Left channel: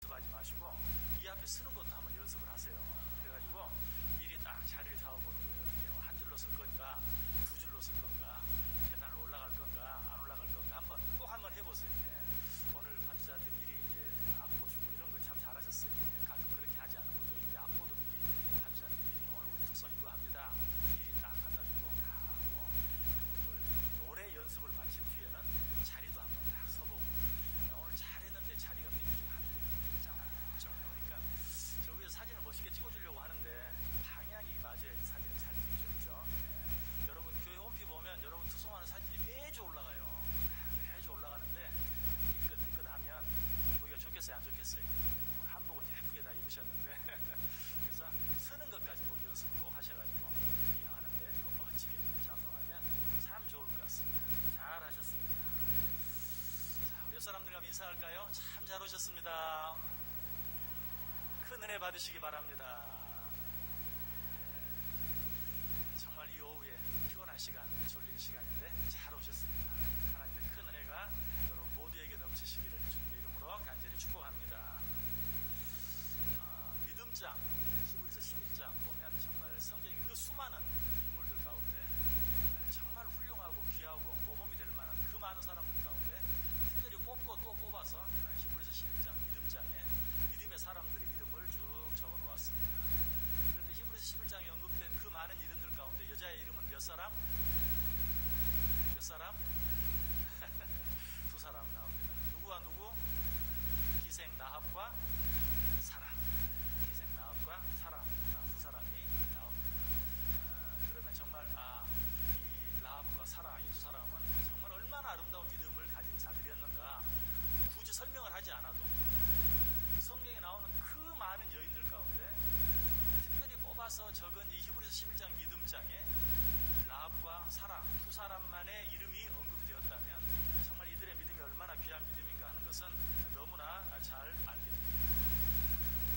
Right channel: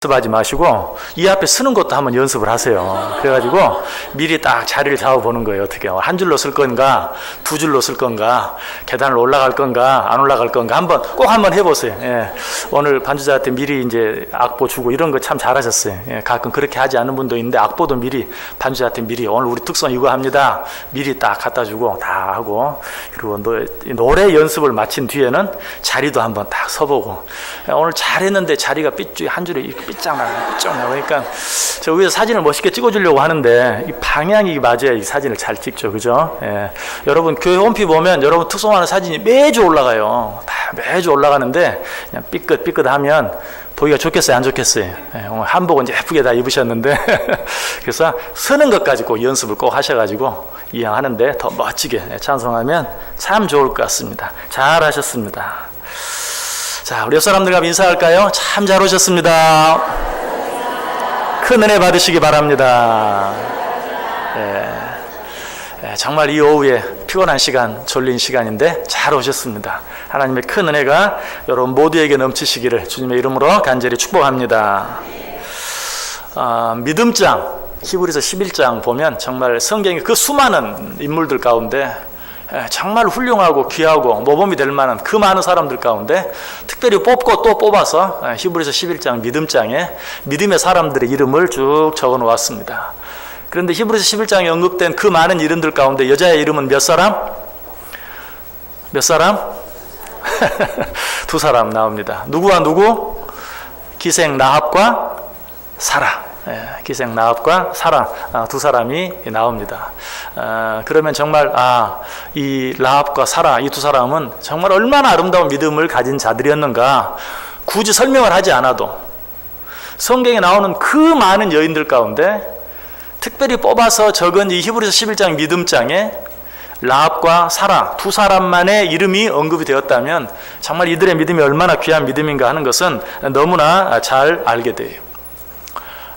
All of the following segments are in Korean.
연습하지 마시고 이 앞에 쓰는 것도 한번 연습을 하세요. 그래가지고 미리 딱 자리를 잡아보는 거예요. 어떻게 한 줄로 쓸 건가, 두 줄로 쓸 건가, 계단을 올라갈 건가, 안 올라갈 건가 꼭 한번 해보세요. 예. 오늘 반주자한테 미리 이제 악보 주고 이런 거 참 잘하셨어요. 예. 가끔 그렇게 하지 않는 분도 있는데 악보도 미리 반주자한테 미리 오늘 우리 특선 이거 합니다. 미리 딱 갖다 주고 다 하고, 그리고 노래 연습을 마친 뒤에는 자리도 한번 딱 서보고, 오늘 잘했는데 자리가 한 줄에 삐짝나요. 그러니까 저 위에서 사진을 멋있게 찍어주려고 하는데 이 방향이 맞아야 이 사진을 잘 찍죠. 그죠? 예. 여러분 교회 홈피 보면 여러분 특송하는 사진이 매주 올라가요. 다 매주 올라가는데 그냥 삐끗하면 보기가 좋겠어요? 안 좋겠어요? 예. 오늘 한복은 이제 예쁘게 다 입으셨는데 그래서 서는 것까지 꼭 연습을 꼭 하셔가지고 이왕하는데 더 멋지게 찬송하면 참 좋을 것 같습니다. 잘하셨습니다. 자, 우리 옆 사람들과 인사할까요? 참 잘 오셨습니다. 큰 은혜 받으시기 바랍니다. 정말 이 오후에 피곤한 시간, 졸린 시간인데 잘 오셨습니다. 하나님의 큰 은혜가 여러분 모두에게 넘치시기를 주님의 이름으로 간절히 축복합니다. 믿음장, 히브리서 11장 보면 정말 성경의 그 수많은 인물들 가운데 정말 훌륭하고 귀하고 모범이 될 만한 그 많은 사람들 가운데 특별히 뽑고 또 뽑아서 히브리서 11장 믿음장에 믿음의 사람들의 이름을 쭉 적어 놓았습니다. 그런데 히브리서 11장에 언급된 그 많은 이름들 가운데 여자의 이름은 몇 사람? 몇 사람? 두 사람 나옵니다. 누구와 누구? 기생 라합과 사라. 기생 라합과 사라, 두 사람이 나옵니다. 그러면 정말 이 라합과 사라, 이 두 사람은 정말 얼마나 아름다운 믿음을 가진 자들이었는가 굳이 설명을 하지 않아도 성경에 나오는 그 많은 여인들 가운데 특별히 뽑아서 적은 이 히브리서 11장 믿음장에 라합과 사라 두 사람만의 이름이 언급이 되었다면 정말 이들의 믿음이 얼마나 귀한 믿음인가 하는 것은 너무나 잘 알게 돼요.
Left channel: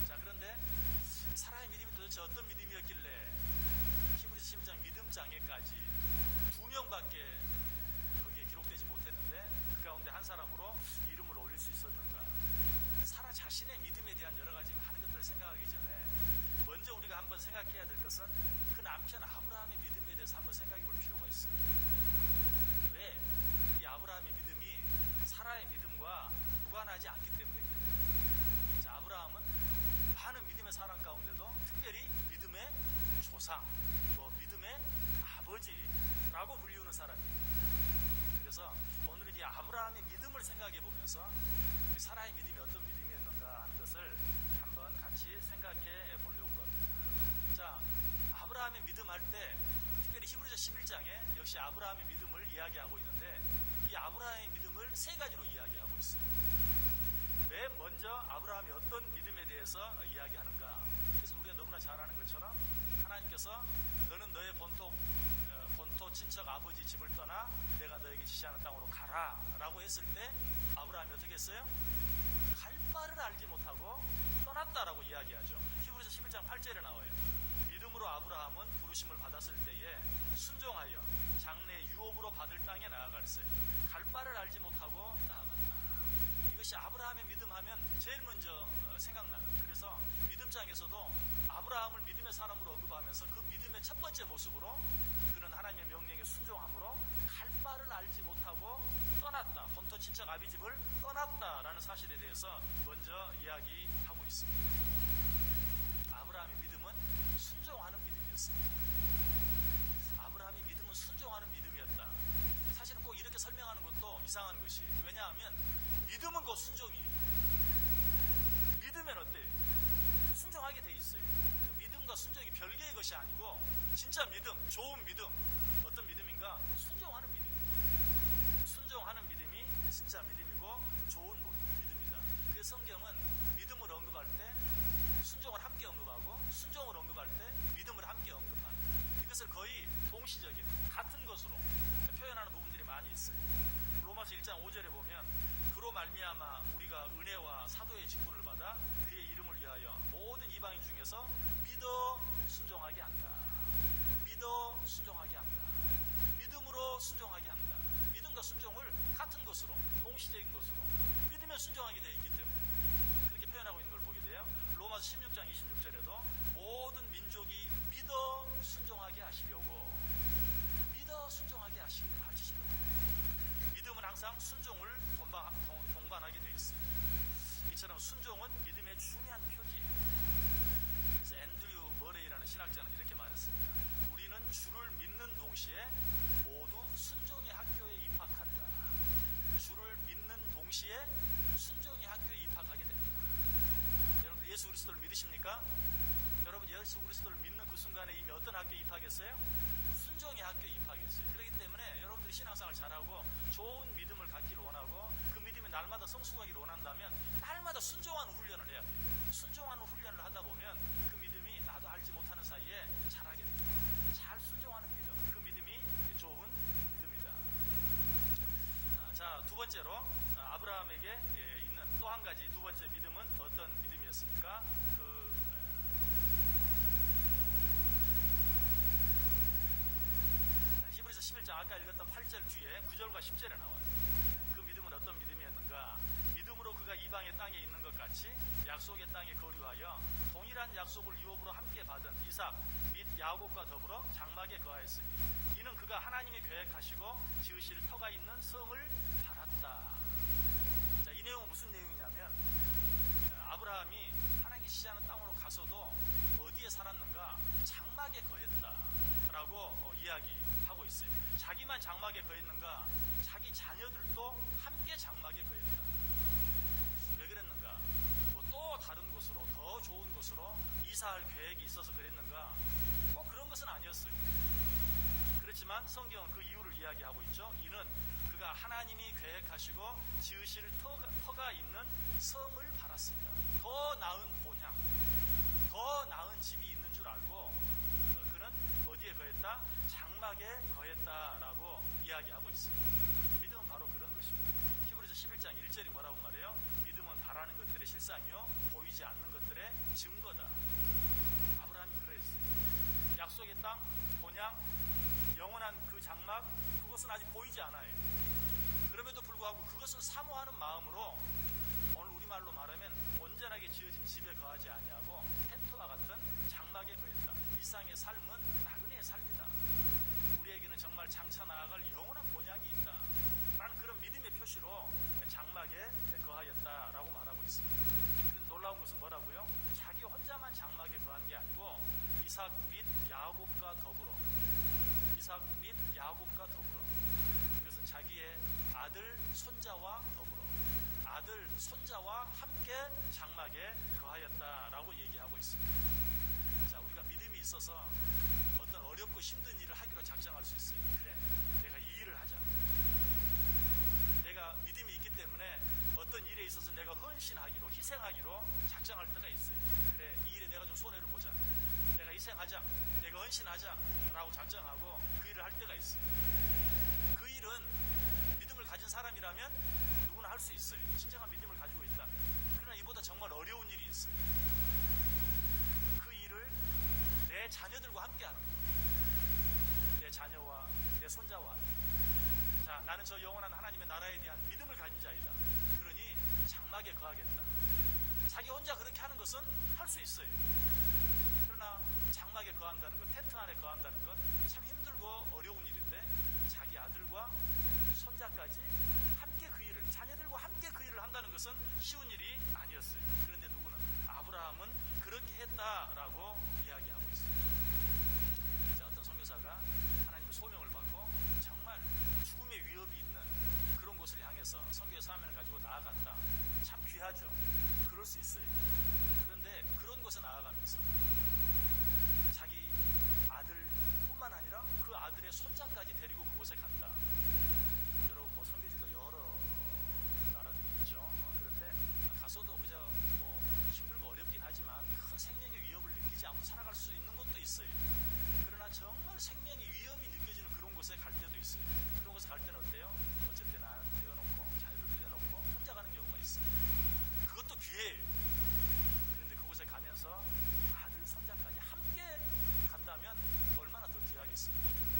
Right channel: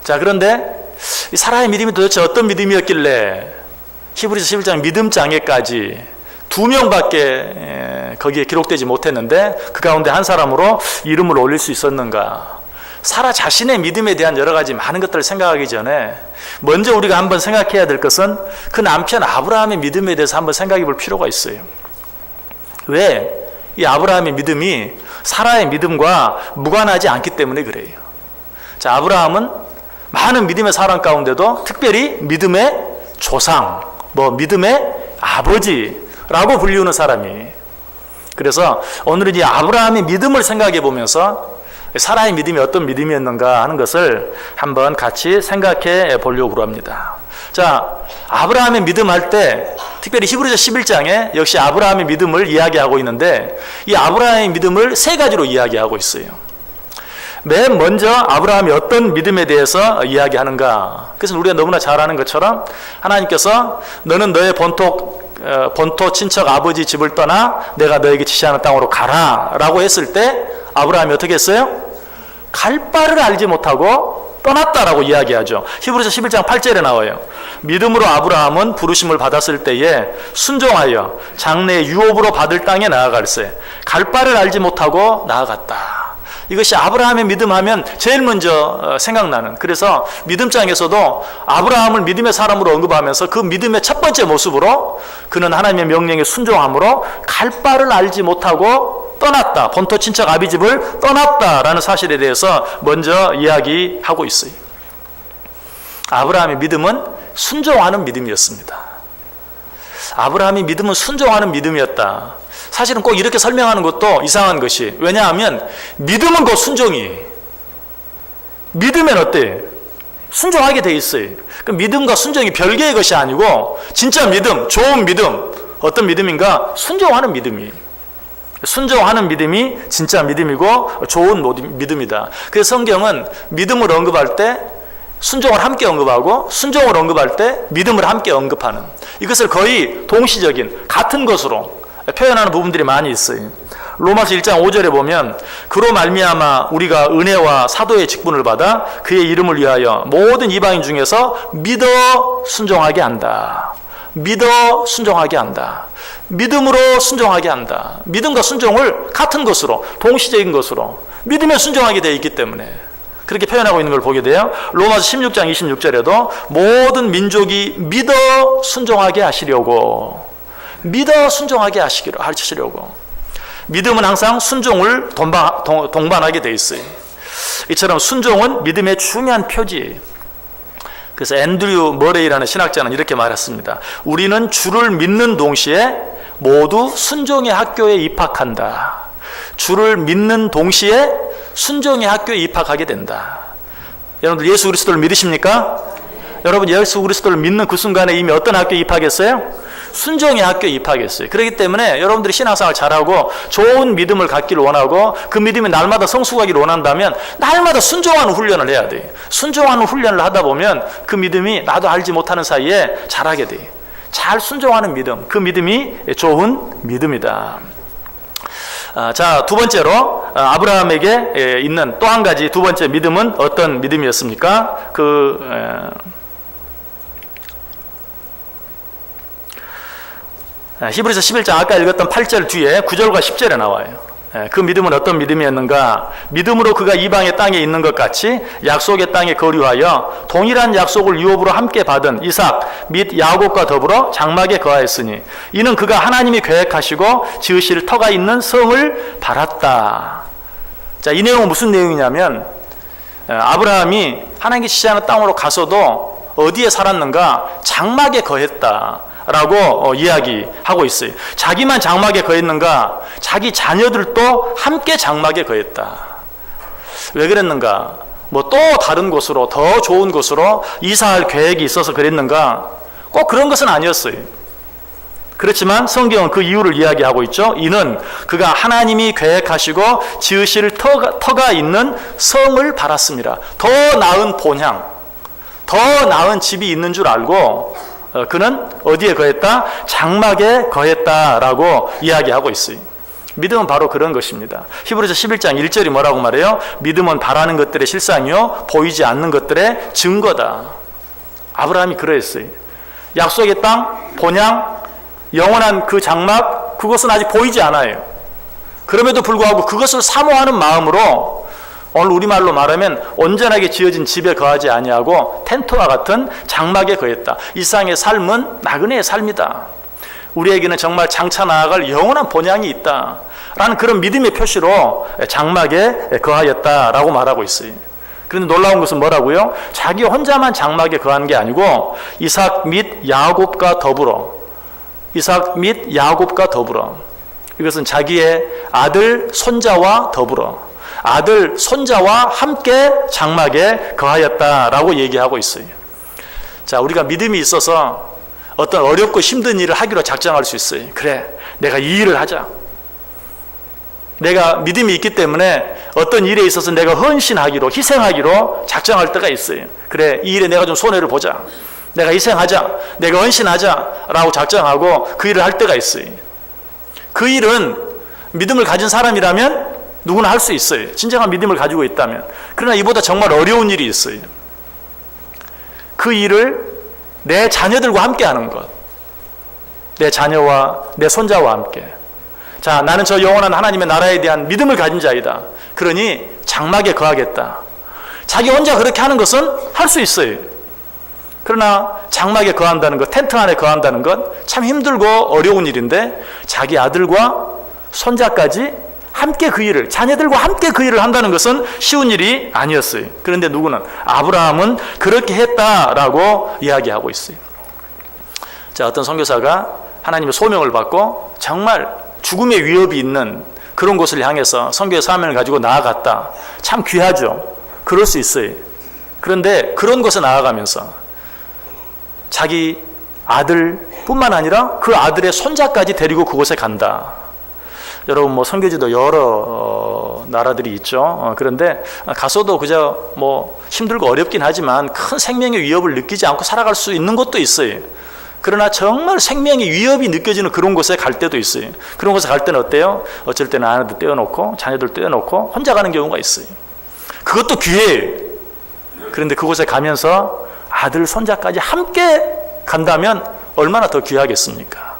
자, 그런데 이 사라의 믿음이 도대체 어떤 믿음이었길래 히브리서 11장 믿음장에까지 2명밖에 거기에 기록되지 못했는데 그 가운데 한 사람으로 이름을 올릴 수 있었는가? 사라 자신의 믿음에 대한 여러 가지 많은 것들을 생각하기 전에 먼저 우리가 한번 생각해야 될 것은 그 남편 아브라함의 믿음에 대해서 한번 생각해 볼 필요가 있어요. 왜? 이 아브라함의 믿음이 사라의 믿음과 무관하지 않기 때문에 그래요. 자, 아브라함은 많은 믿음의 사람 가운데도 특별히 믿음의 조상, 믿음의 아버지라고 불리우는 사람이. 그래서 오늘은 이 아브라함의 믿음을 생각해 보면서 사라의 믿음이 어떤 믿음이었는가 하는 것을 한번 같이 생각해 보려고 합니다. 자, 아브라함의 믿음 할 때 특별히 히브리서 11장에 역시 아브라함의 믿음을 이야기하고 있는데 이 아브라함의 믿음을 세 가지로 이야기하고 있어요. 맨 먼저 아브라함이 어떤 믿음에 대해서 이야기하는가? 그래서 우리가 너무나 잘 아는 것처럼 하나님께서 너는 너의 본토 친척 아버지 집을 떠나 내가 너에게 지시하는 땅으로 가라 라고 했을 때 아브라함이 어떻게 했어요? 갈 바를 알지 못하고 떠났다라고 이야기하죠. 히브리서 11장 8절에 나와요. 믿음으로 아브라함은 부르심을 받았을 때에 순종하여 장래의 유업으로 받을 땅에 나아갈세. 갈 바를 알지 못하고 나아갔다. 이것이 아브라함의 믿음하면 제일 먼저 생각나는, 그래서 믿음장에서도 아브라함을 믿음의 사람으로 언급하면서 그 믿음의 첫 번째 모습으로 그는 하나님의 명령에 순종함으로 갈 바를 알지 못하고 떠났다, 본토 친척 아비 집을 떠났다라는 사실에 대해서 먼저 이야기하고 있어요. 아브라함의 믿음은 순종하는 믿음이었습니다. 아브라함의 믿음은 순종하는 믿음이었다. 사실은 꼭 이렇게 설명하는 것도 이상한 것이, 왜냐하면 믿음은 곧 순종이, 믿으면 어때? 순종하게 돼 있어요. 그 믿음과 순종이 별개의 것이 아니고 진짜 믿음, 좋은 믿음, 어떤 믿음인가? 순종하는 믿음이. 순종하는 믿음이 진짜 믿음이고 좋은 믿음이다. 그래서 성경은 믿음을 언급할 때 순종을 함께 언급하고 순종을 언급할 때 믿음을 함께 언급하는, 이것을 거의 동시적인 같은 것으로 표현하는 부분들이 많이 있어요. 로마서 1장 5절에 보면 그로 말미암아 우리가 은혜와 사도의 직분을 받아 그의 이름을 위하여 모든 이방인 중에서 믿어 순종하게 한다. 믿어 순종하게 한다. 믿음으로 순종하게 한다. 믿음과 순종을 같은 것으로, 동시적인 것으로 믿음에 순종하게 되어 있기 때문에 그렇게 표현하고 있는 걸 보게 돼요. 로마서 16장 26절에도 모든 민족이 믿어 순종하게 하시려고, 믿어 순종하게 하시려고. 믿음은 항상 순종을 동반하게 돼 있어요. 이처럼 순종은 믿음의 중요한 표지예요. 그래서 앤드류 머레이라는 신학자는 이렇게 말했습니다. 우리는 주를 믿는 동시에 모두 순종의 학교에 입학한다. 주를 믿는 동시에 순종의 학교에 입학하게 된다. 여러분들 예수 그리스도를 믿으십니까? 여러분 예수 그리스도를 믿는 그 순간에 이미 어떤 학교에 입학했어요? 순종의 학교에 입학했어요. 그렇기 때문에 여러분들이 신앙생활 잘하고 좋은 믿음을 갖기를 원하고 그 믿음이 날마다 성숙하기를 원한다면 날마다 순종하는 훈련을 해야 돼요. 순종하는 훈련을 하다 보면 그 믿음이 나도 알지 못하는 사이에 잘하게 돼요. 잘 순종하는 믿음, 그 믿음이 좋은 믿음이다. 자, 두 번째로 아브라함에게 있는 또 한 가지 두 번째 믿음은 어떤 믿음이었습니까? 히브리서 11장 아까 읽었던 8절 뒤에 9절과 10절에 나와요. 그 믿음은 어떤 믿음이었는가? 믿음으로 그가 이방의 땅에 있는 것 같이 약속의 땅에 거류하여 동일한 약속을 유업으로 함께 받은 이삭 및 야곱과 더불어 장막에 거하였으니 이는 그가 하나님이 계획하시고 지으실 터가 있는 성을 바랐다. 자, 이 내용은 무슨 내용이냐면 아브라함이 하나님께 지시하는 땅으로 가서도 어디에 살았는가? 장막에 거했다 라고 이야기하고 있어요. 자기만 장막에 거했는가? 자기 자녀들도 함께 장막에 거했다. 왜 그랬는가? 뭐 또 다른 곳으로, 더 좋은 곳으로 이사할 계획이 있어서 그랬는가? 꼭 그런 것은 아니었어요. 그렇지만 성경은 그 이유를 이야기하고 있죠. 이는 그가 하나님이 계획하시고 지으실 터가 있는 성을 바랐습니다. 더 나은 본향, 더 나은 집이 있는 줄 알고 그는 어디에 거했다? 장막에 거했다라고 이야기하고 있어요. 믿음은 바로 그런 것입니다. 히브리서 11장 1절이 뭐라고 말해요? 믿음은 바라는 것들의 실상이요 보이지 않는 것들의 증거다. 아브라함이 그러했어요. 약속의 땅, 본향, 영원한 그 장막, 그것은 아직 보이지 않아요. 그럼에도 불구하고 그것을 사모하는 마음으로 오늘 우리말로 말하면 온전하게 지어진 집에 거하지 아니하고 텐트와 같은 장막에 거했다. 이 세상의 삶은 나그네의 삶이다. 우리에게는 정말 장차 나아갈 영원한 본향이 있다 라는 그런 믿음의 표시로 장막에 거하였다라고 말하고 있어요. 그런데 놀라운 것은 뭐라고요? 자기 혼자만 장막에 거한 게 아니고 이삭 및 야곱과 더불어, 이삭 및 야곱과 더불어, 이것은 자기의 아들 손자와 더불어 아들, 손자와 함께 장막에 거하였다라고 얘기하고 있어요. 자, 우리가 믿음이 있어서 어떤 어렵고 힘든 일을 하기로 작정할 수 있어요. 그래, 내가 이 일을 하자. 내가 믿음이 있기 때문에 어떤 일에 있어서 내가 헌신하기로, 희생하기로 작정할 때가 있어요. 그래, 이 일에 내가 좀 손해를 보자. 내가 희생하자. 내가 헌신하자. 라고 작정하고 그 일을 할 때가 있어요. 그 일은 믿음을 가진 사람이라면 누구나 할 수 있어요. 진정한 믿음을 가지고 있다면. 그러나 이보다 정말 어려운 일이 있어요. 그 일을 내 자녀들과 함께 하는 것. 내 자녀와 내 손자와 함께. 자, 나는 저 영원한 하나님의 나라에 대한 믿음을 가진 자이다. 그러니 장막에 거하겠다. 자기 혼자 그렇게 하는 것은 할 수 있어요. 그러나 장막에 거한다는 것, 텐트 안에 거한다는 것 참 힘들고 어려운 일인데 자기 아들과 손자까지 함께 그 일을, 자녀들과 함께 그 일을 한다는 것은 쉬운 일이 아니었어요. 그런데 누구는? 아브라함은 그렇게 했다라고 이야기하고 있어요. 자, 어떤 선교사가 하나님의 소명을 받고 정말 죽음의 위협이 있는 그런 곳을 향해서 선교의 사명을 가지고 나아갔다. 참 귀하죠. 그럴 수 있어요. 그런데 그런 곳에 나아가면서 자기 아들뿐만 아니라 그 아들의 손자까지 데리고 그곳에 간다. 여러분 뭐 선교지도 여러 나라들이 있죠. 그런데 가서도 그저 뭐 힘들고 어렵긴 하지만 큰 생명의 위협을 느끼지 않고 살아갈 수 있는 곳도 있어요. 그러나 정말 생명의 위협이 느껴지는 그런 곳에 갈 때도 있어요. 그런 곳에 갈 때는 어때요? 어쩔 때는 아내도 떼어놓고 자녀들 떼어놓고 혼자 가는 경우가 있어요. 그것도 기회예요. 그런데 그곳에 가면서 아들, 손자까지 함께 간다면 얼마나 더 귀하겠습니까?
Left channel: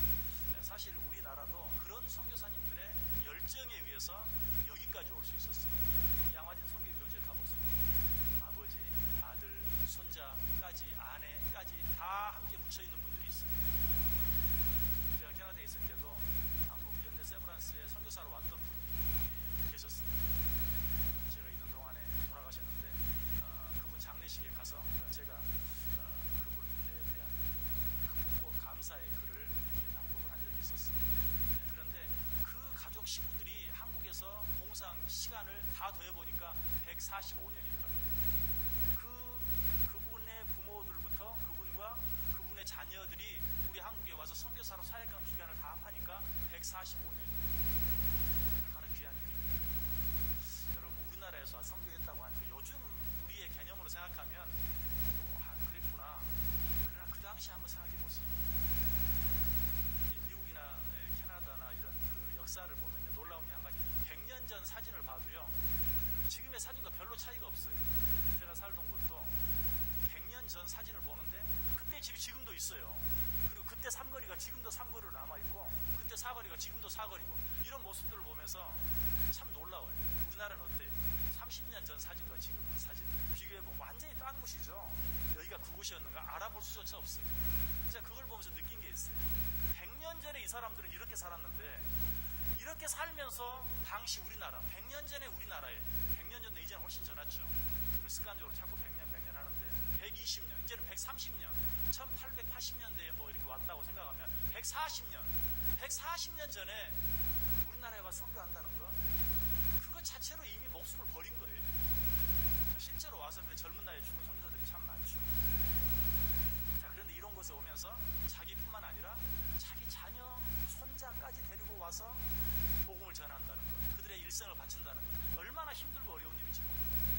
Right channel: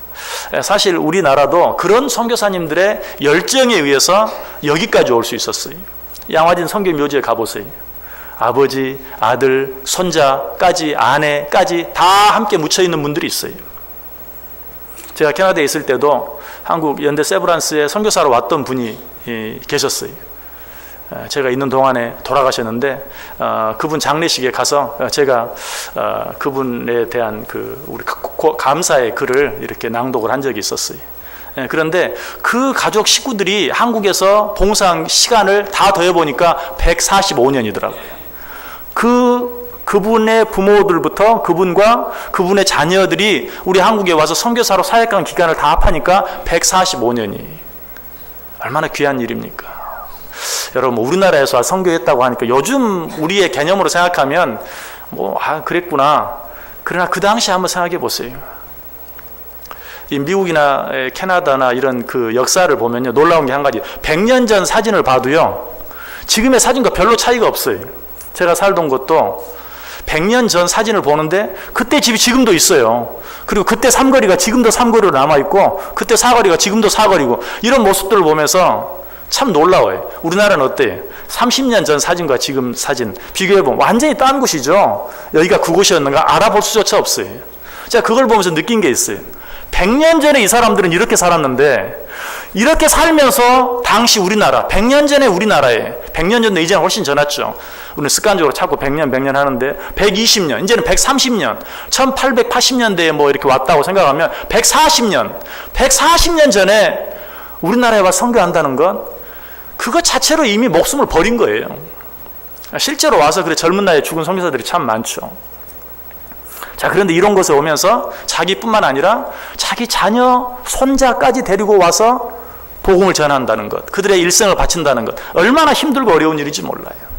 사실 우리나라도 그런 선교사님들의 열정에 의해서 여기까지 올 수 있었어요. 양화진 선교 묘지에 가보세요. 아버지, 아들, 손자까지, 아내까지 다 함께 묻혀 있는 분들이 있어요. 제가 캐나다에 있을 때도 한국 연대 세브란스에 선교사로 왔던 분이 계셨어요. 제가 있는 동안에 돌아가셨는데 그분 장례식에 가서 제가 그분에 대한 우리 감사의 글을 이렇게 낭독을 한 적이 있었어요. 그런데 그 가족 식구들이 한국에서 봉사한 시간을 다 더해보니까 145년이더라고요. 그분의 부모들부터 그분과 그분의 자녀들이 우리 한국에 와서 선교사로 사역한 기간을 다 합하니까 145년이 얼마나 귀한 일입니까? 여러분, 우리나라에서 선교했다고 하니까 요즘 우리의 개념으로 생각하면 그랬구나. 그러나 그 당시 한번 생각해 보세요. 이 미국이나 캐나다나 이런 그 역사를 보면요, 놀라운 게 한 가지. 100년 전 사진을 봐도요, 지금의 사진과 별로 차이가 없어요. 제가 살던 곳도 100년 전 사진을 보는데 그때 집이 지금도 있어요. 그리고 그때 삼거리가 지금도 삼거리로 남아있고 그때 사거리가 지금도 사거리고, 이런 모습들을 보면서 참 놀라워요. 우리나라는 어때요? 30년 전 사진과 지금 사진 비교해보면 완전히 딴 곳이죠. 여기가 그곳이었는가 알아볼 수조차 없어요. 제가 그걸 보면서 느낀 게 있어요. 100년 전에 이 사람들은 이렇게 살았는데, 이렇게 살면서 당시 우리나라, 100년 전에 우리나라에, 100년 전도 이제는 훨씬 지났죠. 우리는 습관적으로 자꾸 100년 하는데 120년, 이제는 130년, 1880년대에 뭐 이렇게 왔다고 생각하면 140년 전에 우리나라에 와서 선교한다는 건 그것 자체로 이미 목숨을 버린 거예요. 실제로 와서 그래 젊은 나이에 죽은 선교사들이 참 많죠. 자, 그런데 이런 곳에 오면서 자기뿐만 아니라 자기 자녀, 손자까지 데리고 와서 복음을 전한다는 것, 그들의 일생을 바친다는 것, 얼마나 힘들고 어려운 일인지 몰라요.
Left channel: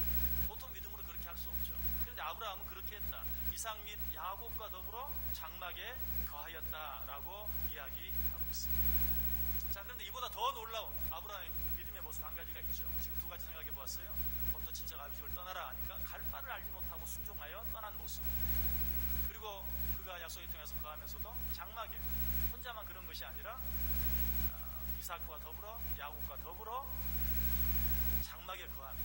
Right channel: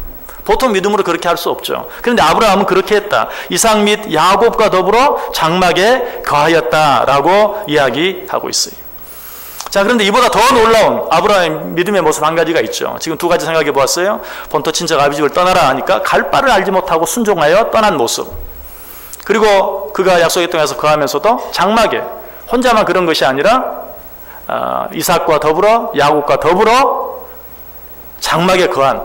보통 믿음으로 그렇게 할 수 없죠. 그런데 아브라함은 그렇게 했다. 이삭 및 야곱과 더불어 장막에 거하였다라고 이야기하고 있어요. 자, 그런데 이보다 더 놀라운 아브라함의 믿음의 모습 한 가지가 있죠. 지금 두 가지 생각해 보았어요. 본토 친척 아비 집을 떠나라 하니까 갈 바를 알지 못하고 순종하여 떠난 모습. 그리고 그가 약속의 땅에서 거하면서도 장막에 혼자만 그런 것이 아니라 이삭과 더불어 야곱과 더불어 장막에 거한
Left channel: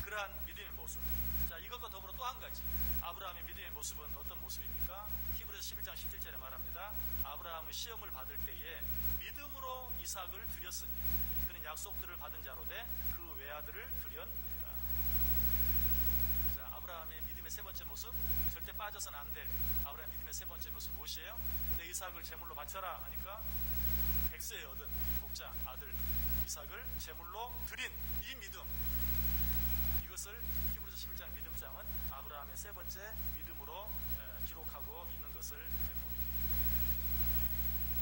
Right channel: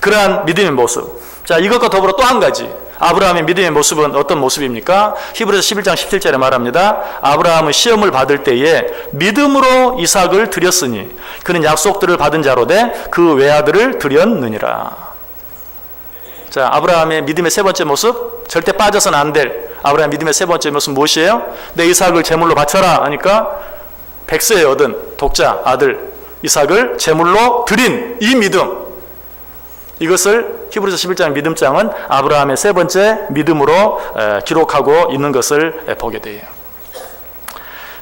그러한 믿음의 모습. 자, 이것과 더불어 또 한 가지, 아브라함의 믿음의 모습은 어떤 모습입니까? 히브리서 11장 17절에 말합니다. 아브라함은 시험을 받을 때에 믿음으로 이삭을 드렸으니 그는 약속들을 받은 자로 돼 그 외아들을 드렸느니라. 자, 아브라함의 믿음의 세 번째 모습, 절대 빠져서는 안 될 아브라함의 믿음의 세 번째 모습 무엇이에요? 내 이삭을 제물로 바쳐라 하니까 100세에 얻은 독자 아들 이삭을 제물로 드린 이 믿음, 이것을 히브리서 11장 믿음장은 아브라함의 세 번째 믿음으로 기록하고 있는 것을 보게 돼요.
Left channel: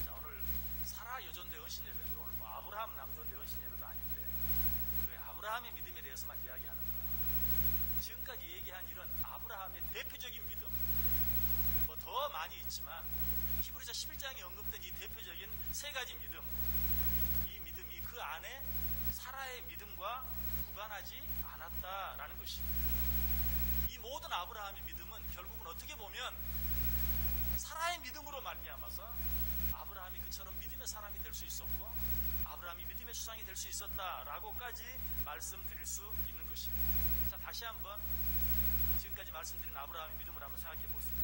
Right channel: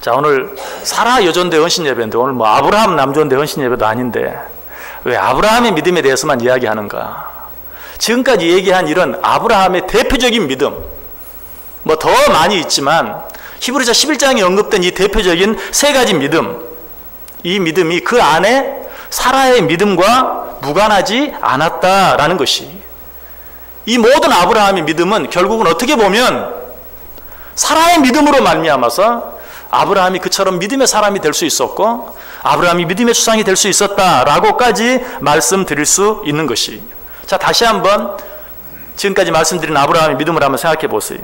자, 오늘 사라 여존대 헌신 예배인데 오늘 뭐 아브라함 남존대 헌신 예배도 아닌데 왜 아브라함의 믿음에 대해서만 이야기하는가? 지금까지 얘기한 이런 아브라함의 대표적인 믿음, 뭐 더 많이 있지만 히브리서 11장에 언급된 이 대표적인 세 가지 믿음, 이 믿음이 그 안에 사라의 믿음과 무관하지 않았다라는 것이, 이 모든 아브라함의 믿음은 결국은 어떻게 보면 사라의 믿음으로 말미암아서 아브라함이 그처럼 믿음의 사람이 될 수 있었고 아브라함이 믿음의 수상이 될 수 있었다라고까지 말씀드릴 수 있는 것이. 자, 다시 한번 지금까지 말씀드린 아브라함의 믿음을 한번 생각해 보세요.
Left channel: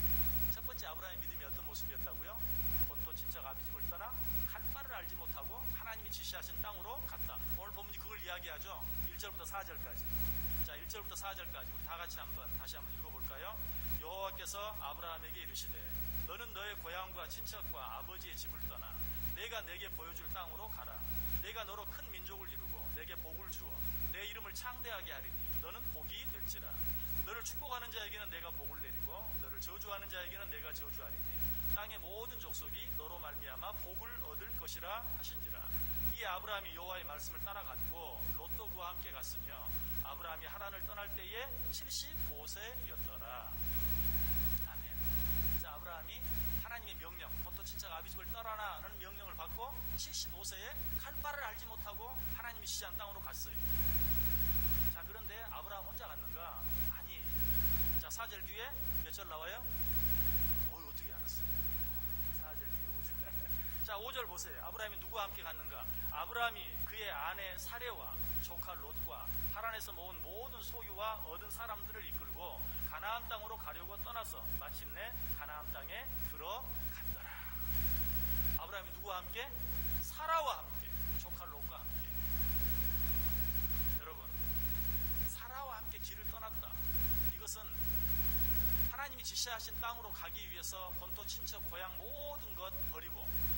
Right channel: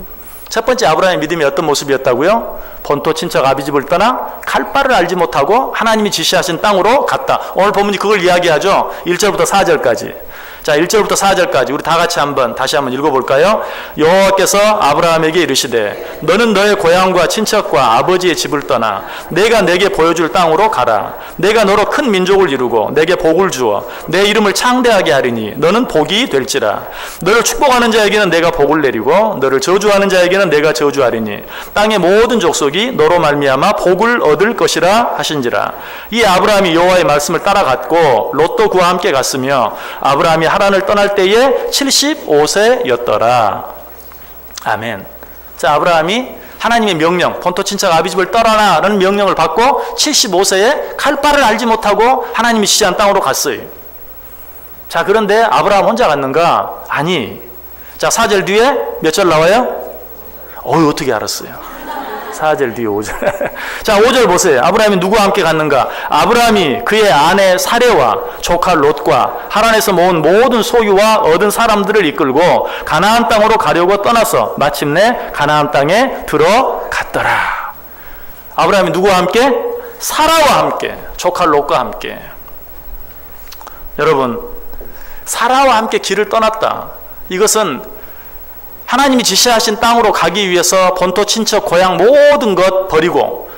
첫 번째, 아브라함의 믿음이 어떤 모습이었다고요? 본토 친척 아비 집을 떠나 갈 바를 알지 못하고 하나님이 지시하신 땅으로 갔다. 오늘 본문이 그걸 이야기하죠. 1절부터 4절까지. 자, 1절부터 4절까지 우리 다 같이 다시 한번 읽어볼까요? 여호와께서 아브라함에게 이르시되 너는 너의 고향과 친척과 아버지의 집을 떠나 내가 내게 보여줄 땅으로 가라. 내가 너로 큰 민족을 이루고 내게 복을 주어 내 이름을 창대하게 하리니 너는 복이 될지라. 너를 축복하는 자에게는 내가 복을 내리고 너를 저주하는 자에게는 내가 저주하리니 땅의 모든 족속이 너로 말미암아 복을 얻을 것이라 하신지라. 이 아브라함이 여호와의 말씀을 따라갔고 롯도 그와 함께 갔으며 아브라함이 하란을 떠날 때에 75세였더라. 아멘. 자, 아브라함이 하나님의 명령, 본토 친척 아비 집을 떠나라는 명령을 받고 75세에 갈 바를 알지 못하고 하나님이 지시한 땅으로 갔어요. 자, 그런데 아브라함 혼자 갔는가? 아니. 자, 4절 뒤에 몇 절 나와요? 어떻게 알았어요? 4절 뒤에 5절. 자, 5절 보세요. 아브라함이 누구와 함께 갔는가? 아브라함이 그의 아내 사레와 조카 롯과 하란에서 모은 모든 소유와 얻은 사람들을 이끌고 가나안 땅으로 가려고 떠나서 마침내 가나안 땅에 들어갔더라. 아브라함이 누구와 함께? 사라와 함께, 조카 롯과 함께. 여러분, 사라와 함께 길을 떠났다. 이것은 하나님이 지시하신 땅으로 가기 위해서 본토, 친척, 고향 모든 것 버리고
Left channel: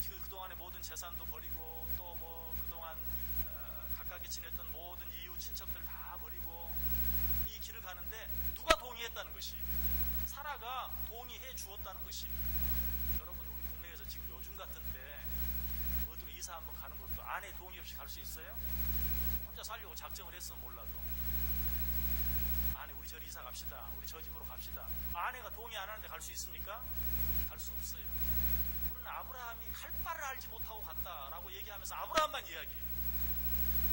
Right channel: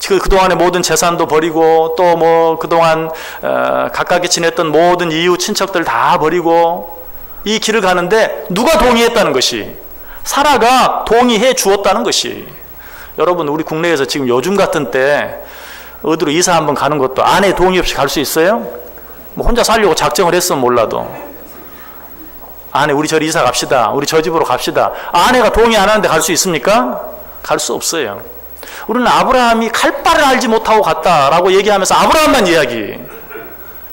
그동안의 모든 재산도 버리고 또 뭐 그동안 가깝게 지냈던 모든 이웃 친척들 다 버리고 이 길을 가는데 누가 동의했다는 것이? 사라가 동의해 주었다는 것이. 여러분, 우리 국내에서 지금 요즘 같은 때 어디로 이사 한번 가는 것도 아내 동의 없이 갈 수 있어요? 뭐 혼자 살려고 작정을 했으면 몰라도 아내 우리 저리 이사 갑시다, 우리 저 집으로 갑시다, 아내가 동의 안 하는데 갈 수 있습니까? 갈 수 없어요. 우리는 아브라함이 갈 바를 알지 못하고 갔다라고 얘기하면서 아브라함만 이야기.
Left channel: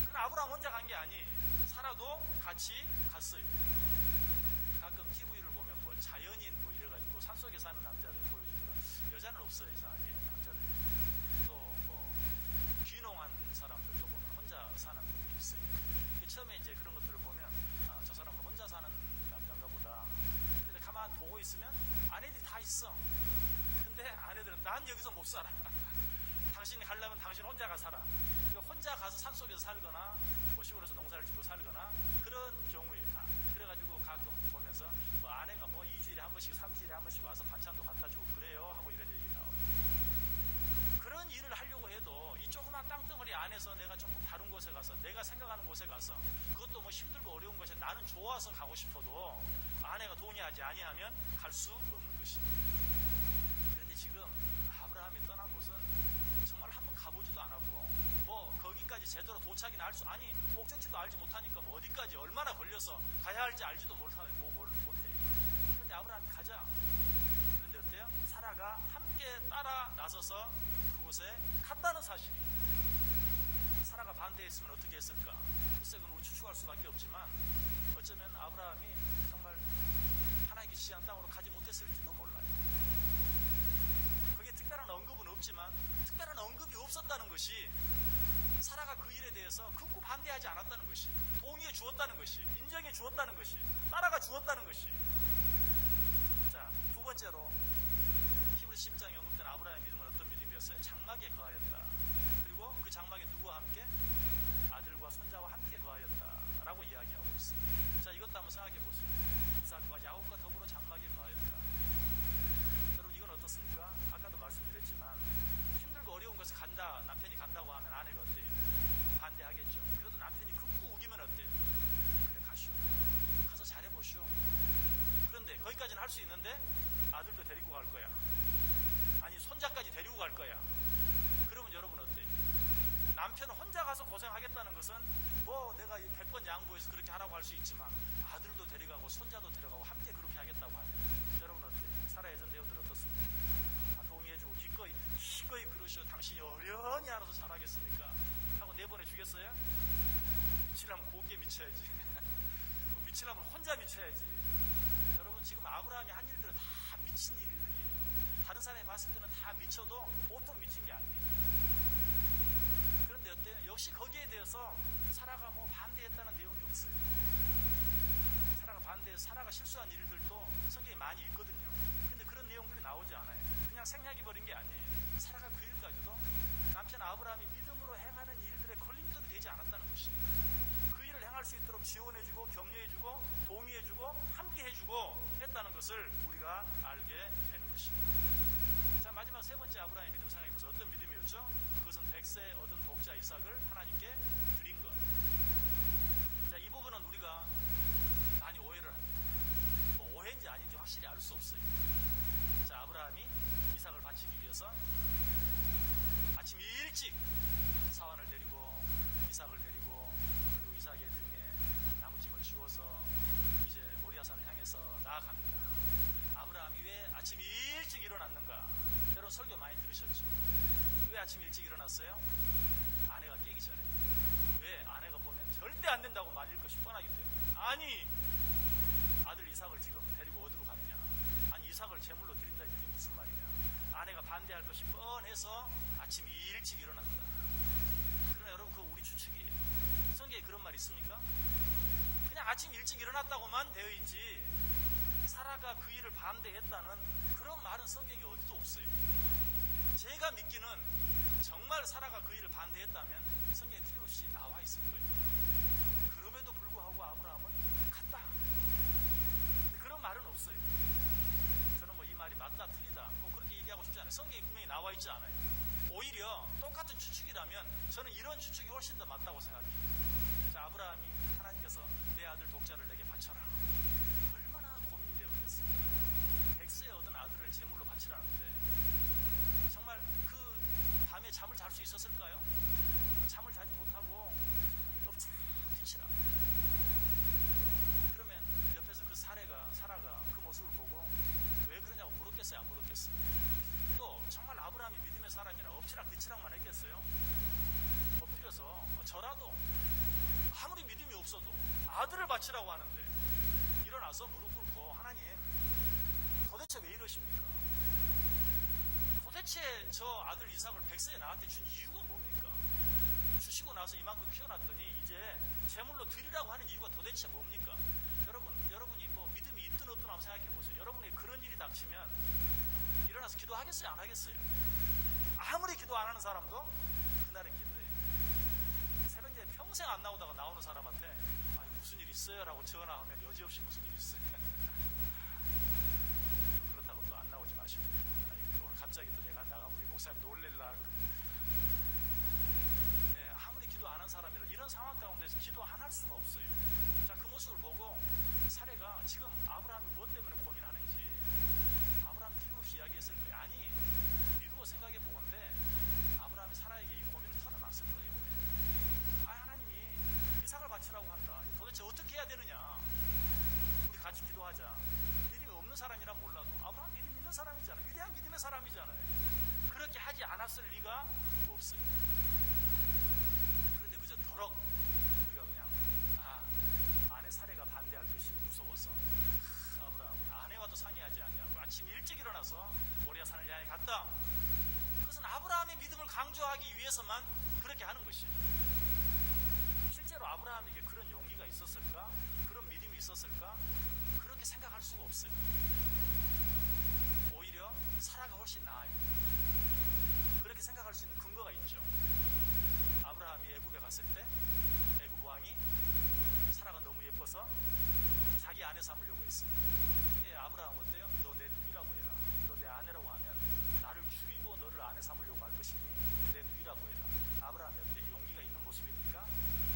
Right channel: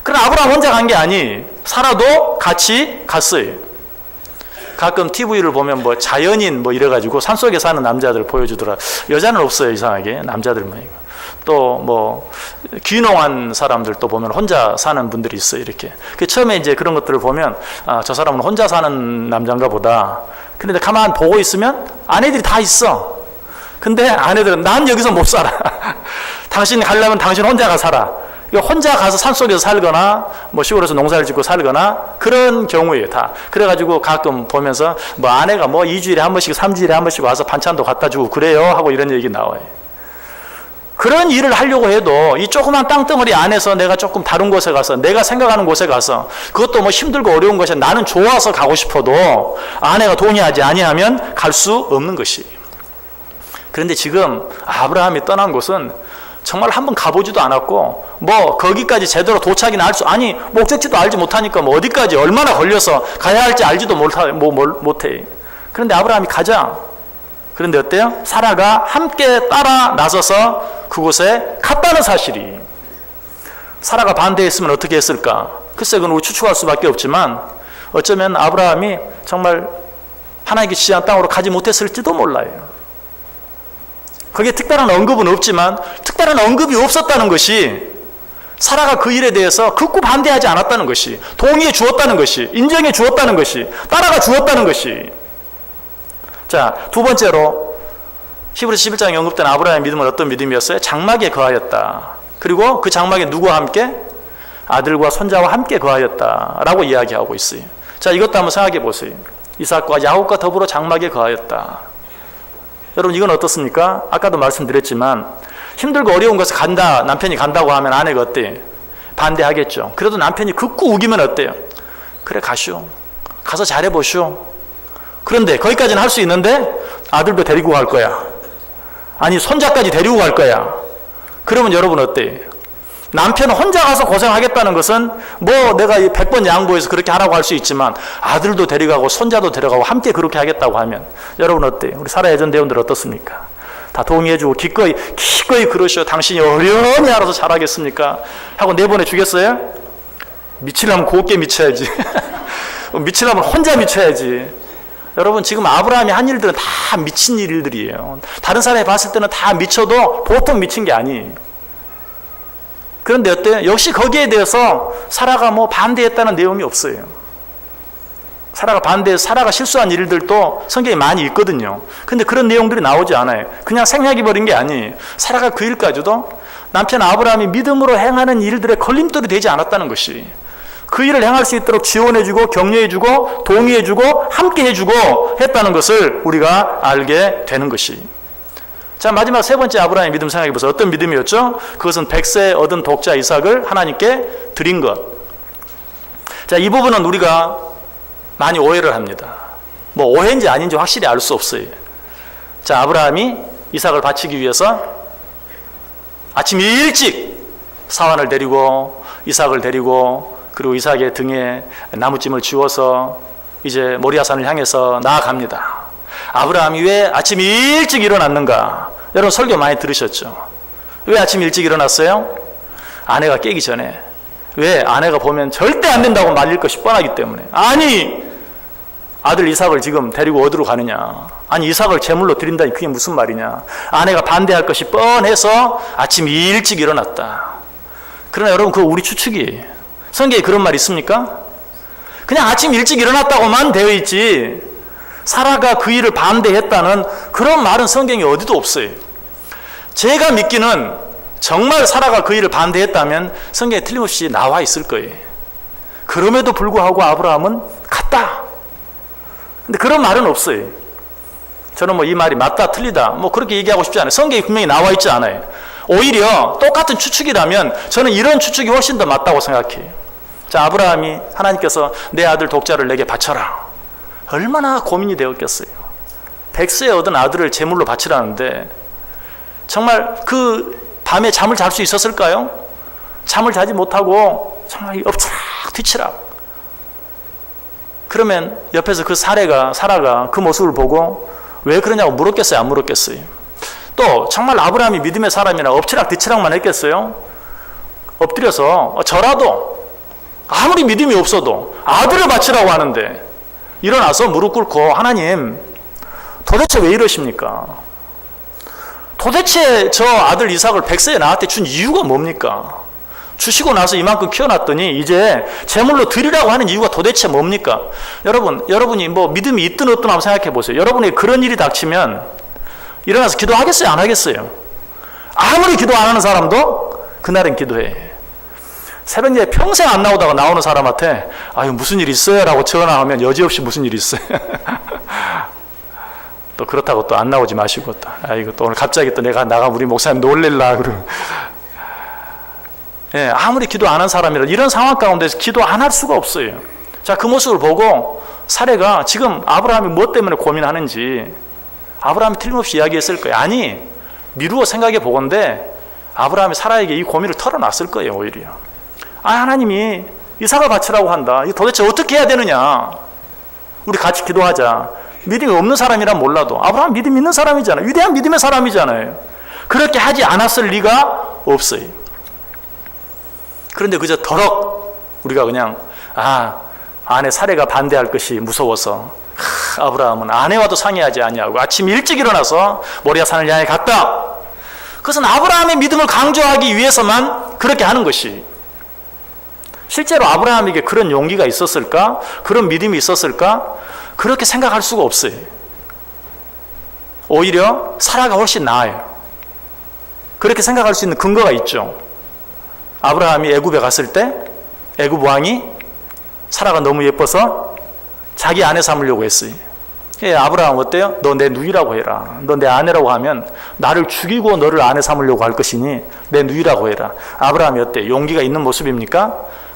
그러나 아브라함 혼자 간 게 아니, 사라도 같이 갔어요. 가끔 TV를 보면 뭐 자연인 뭐 이래가지고 산속에 사는 남자들 보여주더라. 여자는 없어요, 이상하게. 남자들만. 또 뭐 귀농한 사람들 또 보면 혼자 사는 분들이 있어요, 이렇게. 그 처음에 이제 그런 것들을 보면 아, 저 사람은 혼자 사는 남자인가 보다. 그런데 가만 보고 있으면 아내들이 다 있어. 근데 아내들은 난 여기서 못 살아. 당신 가려면 당신 혼자가 살아. 혼자 가서 산속에서 살거나 뭐 시골에서 농사를 짓고 살거나 그런 경우예요, 다. 그래가지고 가끔 보면서 뭐 아내가 뭐 2주일에 한 번씩 3주일에 한 번씩 와서 반찬도 갖다 주고 그래요 하고 이런 얘기 나와요. 그런 일을 하려고 해도 이 조그만 땅덩어리 안에서 내가 조금 다른 곳에 가서 내가 생각하는 곳에 가서 그것도 뭐 힘들고 어려운 것이 나는 좋아서 가고 싶어도 아내가 동의하지 아니하면 갈 수 없는 것이. 그런데 지금 아브라함이 떠난 곳은 정말 한번 가보지도 않았고 뭐 거기까지 제대로 도착이나 할 수 아니 목적지도 알지 못하니까 뭐 어디까지 얼마나 걸려서 가야 할지 알지도 못해. 그런데 아브라함이 가자. 그런데 어때요? 사라가 함께 따라 나서서 그곳에 갔다는 사실이. 사라가 반대했으면 어떻게 했을까? 글쎄 그건 우리 추측할 수밖에 없지만 어쩌면 아브라함이 정말 하나님께 지시한 땅으로 가지 못했을지도 몰라요. 거기에 특별한 언급은 없지만 특별한 언급이 없었다는 것이 사라가 그 일에 대해서 극구 반대하지 않았다는 것이, 동의해 주었다는 것이, 인정해 주었다는 것이, 따라가 주었다는 것이. 자, 두 번째로 히브리서 11장에 언급된 아브라함의 믿음은 어떤 믿음이었어요? 장막에 거하였다. 그리고 그 장막에 누구와 함께? 아들과 손자와 함께 거하였다라고 이야기하고 있어요. 자, 이것도 한번 생각해 보세요. 이삭과 야곱과 더불어 장막에 거하였다. 여러분 이건 어떻습니까? 아까도 말씀드렸지만 힘들고 어려운 것을 간다, 남편이 간다고 하면 아내가 어때요? 반대하겠죠. 그래도 남편이 극구 우기면 어때요? 그래 가시오. 가서 잘해보시오. 그런데 거기까지는 할 수 있는데 아들도 데리고 갈 거야. 아니 손자까지 데리고 갈 거야. 그러면 여러분 어때요? 남편은 혼자 가서 고생하겠다는 것은 뭐 내가 100번 양보해서 그렇게 하라고 할 수 있지만 아들도 데려가고 손자도 데려가고 함께 그렇게 하겠다고 하면 여러분 어때요? 우리 사라 예전 대원들 어떻습니까? 다 동의해주고 기꺼이 그러시오. 당신이 어련히 알아서 잘하겠습니까? 하고 내보내 주겠어요? 미치려면 곱게 미쳐야지. 미치려면 혼자 미쳐야지. 여러분 지금 아브라함이 한 일들은 다 미친 일들이에요. 다른 사람이 봤을 때는 다 미쳐도 보통 미친 게 아니에요. 그런데 어때요? 역시 거기에 대해서 사라가 뭐 반대했다는 내용이 없어요. 사라가 실수한 일들도 성경에 많이 있거든요. 근데 그런 내용들이 나오지 않아요. 그냥 생략해 버린 게 아니에요. 사라가 그 일까지도 남편 아브라함이 믿음으로 행하는 일들의 걸림돌이 되지 않았다는 것이, 그 일을 행할 수 있도록 지원해주고 격려해주고 동의해주고 함께해주고 했다는 것을 우리가 알게 되는 것이. 자, 마지막 세 번째 아브라함의 믿음 생각해 보세요. 어떤 믿음이었죠? 그것은 100세 얻은 독자 이삭을 하나님께 드린 것. 자, 이 부분은 우리가 많이 오해를 합니다. 뭐 오해인지 아닌지 확실히 알 수 없어요. 자, 아브라함이 이삭을 바치기 위해서 아침 일찍 사환을 데리고 이삭을 데리고 그리고 이삭의 등에 나무찜을 지워서 이제 모리아산을 향해서 나아갑니다. 아브라함이 왜 아침 일찍 일어났는가? 여러분 설교 많이 들으셨죠? 왜 아침 일찍 일어났어요? 아내가 깨기 전에. 왜? 아내가 보면 절대 안 된다고 말릴 것이 뻔하기 때문에. 아니 아들 이삭을 지금 데리고 어디로 가느냐. 아니 이삭을 제물로 드린다니 그게 무슨 말이냐. 아내가 반대할 것이 뻔해서 아침 일찍 일어났다. 그러나 여러분 그거 우리 추측이에요. 성경에 그런 말 있습니까? 그냥 아침 일찍 일어났다고만 되어 있지 사라가 그 일을 반대했다는 그런 말은 성경에 어디도 없어요. 제가 믿기는 정말 사라가 그 일을 반대했다면 성경에 틀림없이 나와 있을 거예요. 그럼에도 불구하고 아브라함은 갔다. 근데 그런 말은 없어요. 저는 뭐 이 말이 맞다 틀리다 뭐 그렇게 얘기하고 싶지 않아요. 성경에 분명히 나와 있지 않아요. 오히려 똑같은 추측이라면 저는 이런 추측이 훨씬 더 맞다고 생각해요. 자, 아브라함이 하나님께서 내 아들 독자를 내게 바쳐라. 얼마나 고민이 되었겠어요. 백세에 얻은 아들을 제물로 바치라는데 정말 그 밤에 잠을 잘 수 있었을까요? 잠을 자지 못하고 정말 엎치락 뒤치락. 그러면 옆에서 그 사라가 그 모습을 보고 왜 그러냐고 물었겠어요? 안 물었겠어요? 또 정말 아브라함이 믿음의 사람이라 엎치락 뒤치락만 했겠어요? 엎드려서 저라도 아무리 믿음이 없어도 아들을 바치라고 하는데 일어나서 무릎 꿇고 하나님 도대체 왜 이러십니까? 도대체 저 아들 이삭을 100세에 나한테 준 이유가 뭡니까? 주시고 나서 이만큼 키워놨더니 이제 제물로 드리라고 하는 이유가 도대체 뭡니까? 여러분이 뭐 믿음이 있든 없든 한번 생각해 보세요. 여러분이 그런 일이 닥치면 일어나서 기도하겠어요? 안 하겠어요? 아무리 기도 안 하는 사람도 그날은 기도해. 새벽에 평생 안 나오다가 나오는 사람한테 아유 무슨 일 있어요? 라고 전화하면 여지없이 무슨 일 있어요? 또 그렇다고 또 안 나오지 마시고 또 이거 또 오늘 갑자기 또 내가 우리 목사님 놀릴라 그러고 예, 아무리 기도 안 한 사람이라도 이런 상황 가운데서 기도 안 할 수가 없어요. 자, 그 모습을 보고 사례가 지금 아브라함이 무엇 때문에 고민하는지 아브라함이 틀림없이 이야기했을 거예요. 아니 미루어 생각해 보건대 아브라함이 사라에게 이 고민을 털어놨을 거예요. 오히려 하나님이 이삭을 바치라고 한다. 이거 도대체 어떻게 해야 되느냐. 우리 같이 기도하자. 믿음이 없는 사람이란 몰라도 아브라함 믿음 있는 사람이잖아요. 위대한 믿음의 사람이잖아요. 그렇게 하지 않았을 리가 없어요. 그런데 그저 더럭 우리가 그냥 아내 사례가 반대할 것이 무서워서 아브라함은 아내와도 상의하지 아니하고 아침 일찍 일어나서 모리아 산을 향해 갔다. 그것은 아브라함의 믿음을 강조하기 위해서만 그렇게 하는 것이 실제로 아브라함에게 그런 용기가 있었을까? 그런 믿음이 있었을까? 그렇게 생각할 수가 없어요. 오히려 사라가 훨씬 나아요. 그렇게 생각할 수 있는 근거가 있죠. 아브라함이 애굽에 갔을 때 애굽 왕이 사라가 너무 예뻐서 자기 아내 삼으려고 했어요. 아브라함 어때요? 너 내 누이라고 해라. 너 내 아내라고 하면 나를 죽이고 너를 아내 삼으려고 할 것이니 내 누이라고 해라. 아브라함이 어때요? 용기가 있는 모습입니까?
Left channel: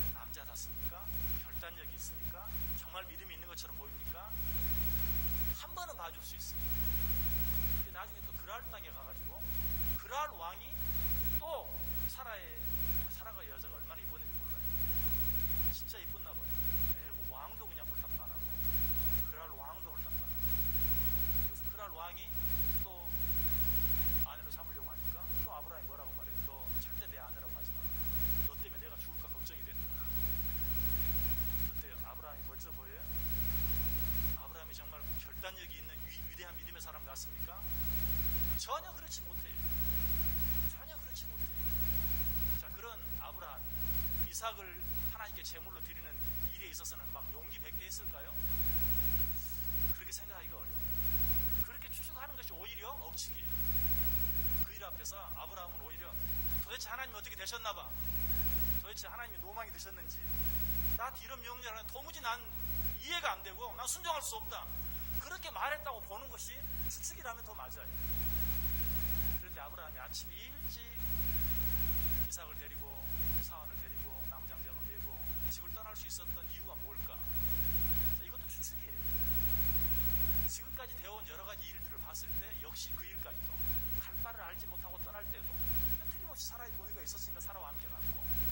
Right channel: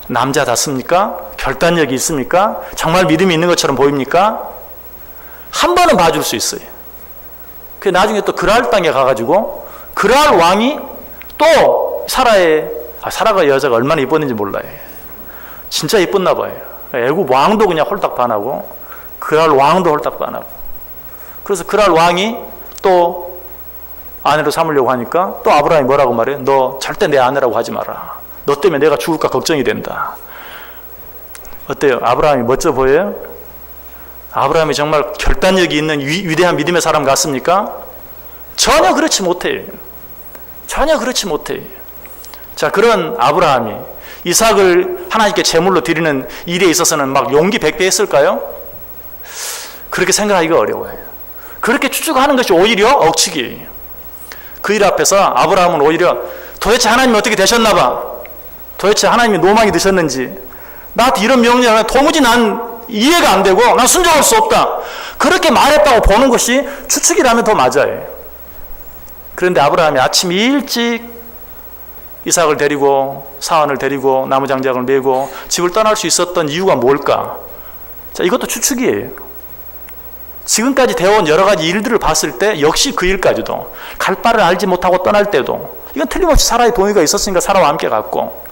남자답습니까? 결단력이 있습니까? 정말 믿음이 있는 것처럼 보입니까? 한 번은 봐줄 수 있어요. 그 나중에 또 그랄 땅에 가가지고 그랄 왕이 또 사라가 여자가 얼마나 이뻤는지 몰라요. 진짜 이뻤나 봐요. 애굽 왕도 그냥 홀딱 반하고 그랄 왕도 홀딱 반하고. 그래서 그랄 왕이 또 아내로 삼으려고 하니까 또 아브라함이 뭐라고 말해요? 너 절대 내 아내라고 하지 마라. 너 때문에 내가 죽을까 걱정이 된다. 어때요? 아브라함이 멋져 보여요? 아브라함이 정말 결단력이 있는 위대한 믿음의 사람 같습니까? 전혀 그렇지 못해요. 전혀 그렇지 못해요. 자, 그런 아브라함이 이삭을 하나님께 제물로 드리는 일에 있어서는 막 용기 100배 했을까요? 그렇게 생각하기가 어려워요. 그렇게 추측하는 것이 오히려 억측이에요. 그 일 앞에서 아브라함은 오히려 도대체 하나님이 어떻게 되셨나 봐. 도대체 하나님이 노망이 드셨는지 나한테 이런 명령을 도무지 난 이해가 안 되고 난 순종할 수 없다. 그렇게 말했다고 보는 것이 추측이라면 더 맞아요. 그런데 아브라함이 아침 일찍 이삭을 데리고 사환을 데리고 나무장작을 메고 집을 떠날 수 있었던 이유가 뭘까? 자, 이것도 추측이에요. 지금까지 되어온 여러 가지 일들을 봤을 때 역시 그 일까지도 갈 바를 알지 못하고 떠날 때도 이건 틀림없이 사라의 동의가 있었으니까 사라와 함께 갔고